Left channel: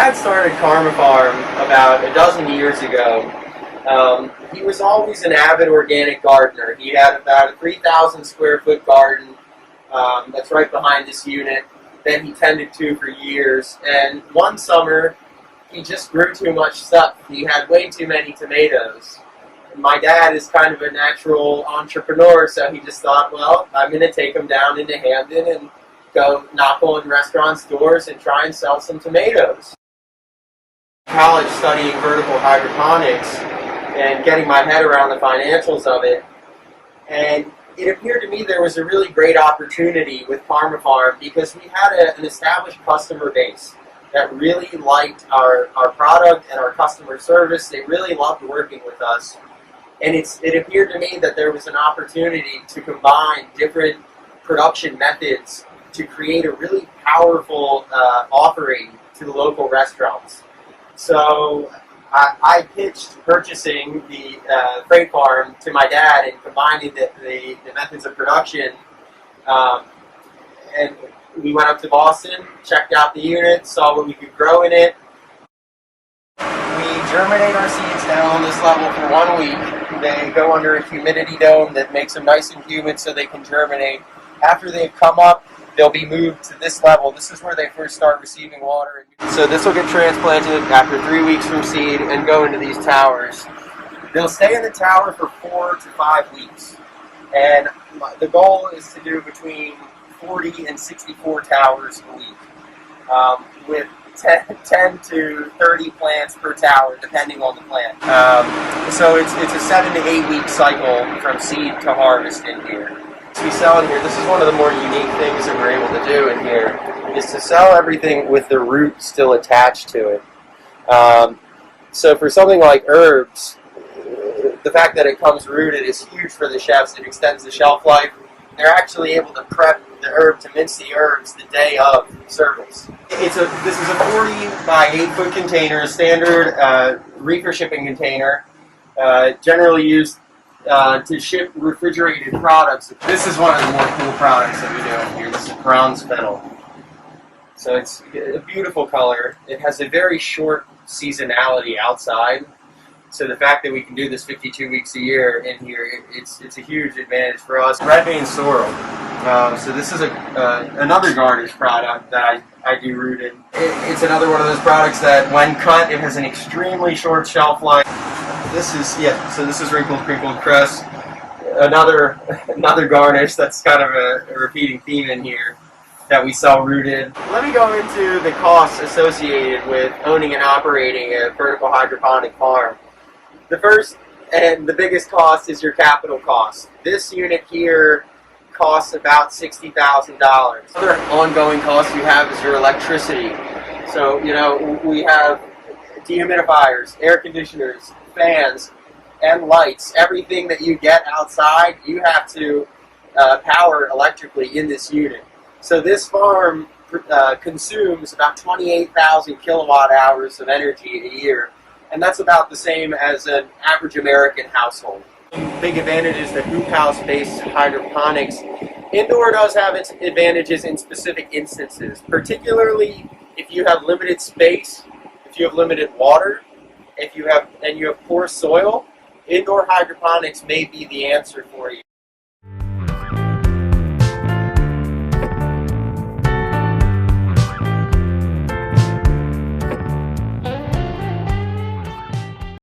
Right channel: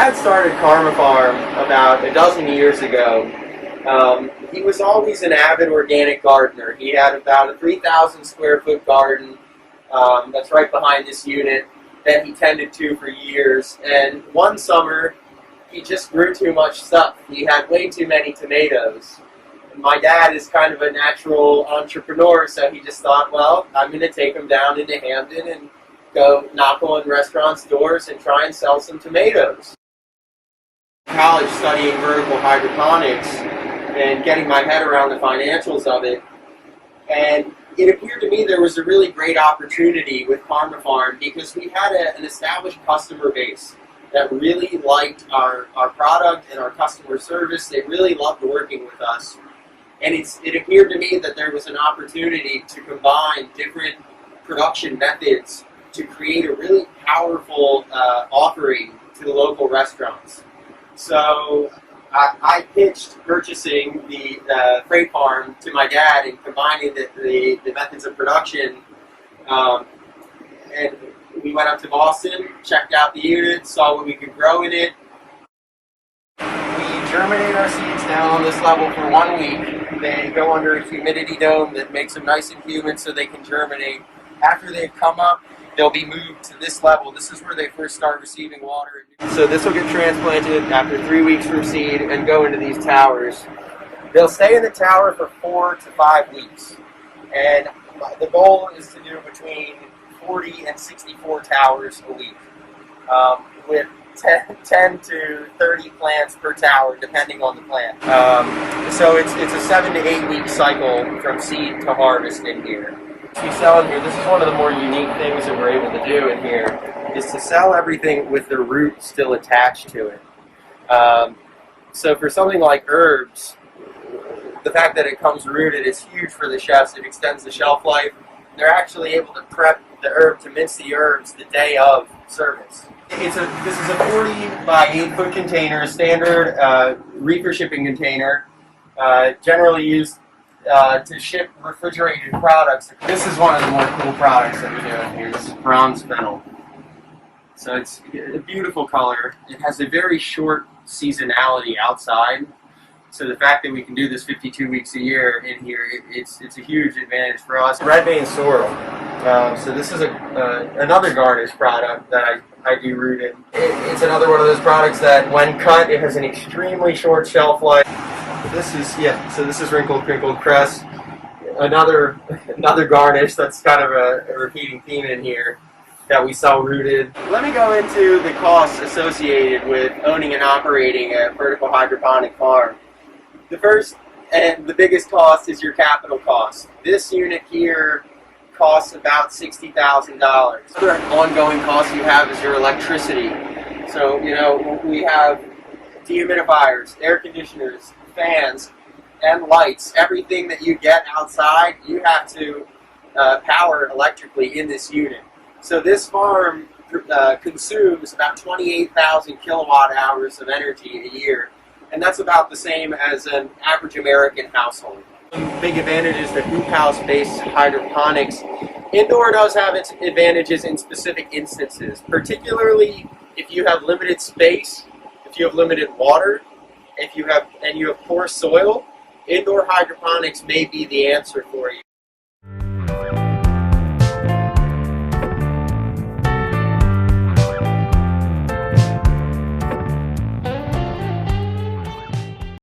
Dad started Karma Farm about a dozen years ago. He was always an avid organic gardener. He had about a 3,000 square foot garden that's right behind this unit that he tended to for years. And one summer, he just grew too much stuff. He had way too many tomatoes. And my dad is kind of a natural entrepreneur, so he just thought, well, I'm going to take them down into Hamden and go knock on restaurants' doors and try and sell some tomatoes. College studying vertical hydroponics and getting my head around the financials of it, and it appeared to me there was a really great opportunity with Karma Farm because we had an established customer base that really liked our product and our customer service. They really loved working with us, and it appeared to me that there was an opportunity to combine different production methods to create a really powerful offering to the local restaurants. So I pitched purchasing the freight farm to my dad and combining the methods of production. And we went up to Boston, checked out the unit, saw what we could grow in it. We germinate our seeds down on this level for 1 week. They go under a humidity dome that makes them nice and humid so they can germinate. After they've come up, they'll be moved to this level. This is where they first start receiving water. So this will get transplanted after 3 weeks from seed and go into these towers. They'll stay in the tower for 4 to 5 weeks. And the goal is to do between 40 and 64 towers a week, with 10 to 30 plants per tower, depending on the plant. So it's a 7 to 8 week cycle from seed to harvest in here. We sell in here, this is one of the more unique things that we're able to do in here, is to sell everything with the root still attached to it. So for something like herbs, the fact that it comes rooted is huge for the chefs. It extends the shelf life. They're actually able to prep the herb to mince the herbs the day of service. This is a 40 by 8 foot container, a standard reefer shipping container, generally used to ship refrigerated products. This is one of the more cool products that we do in here. This is bronze fennel. So it's a beautiful color. It has a very short seasonality outside. So the fact that we can do this 52 weeks a year in here, it's a huge advantage for us. Red vein sorrel. So this is another garnish product that I do root in. It's another one of those products that when cut, it has an extremely short shelf life. This is wrinkled crinkled cress. Another garnish that's kind of a repeating theme in here that we sell rooted. Let me go into the costs associated with owning and operating a vertical hydroponic farm. The first and the biggest cost is your capital cost. This unit here costs about $60,000. Other ongoing costs you have is your electricity. So, we have dehumidifiers, air conditioners, fans, and lights. Everything that you get outside, you have to power electrically in this unit. So this farm consumes about 28,000 kilowatt hours of energy a year, and that's about the same as an average American household. Big advantage is the hoop house-based hydroponics. Indoor does have its advantages in specific instances, particularly if you have limited space, if you have limited water, if you have poor soil. Indoor hydroponics may be the answer for you.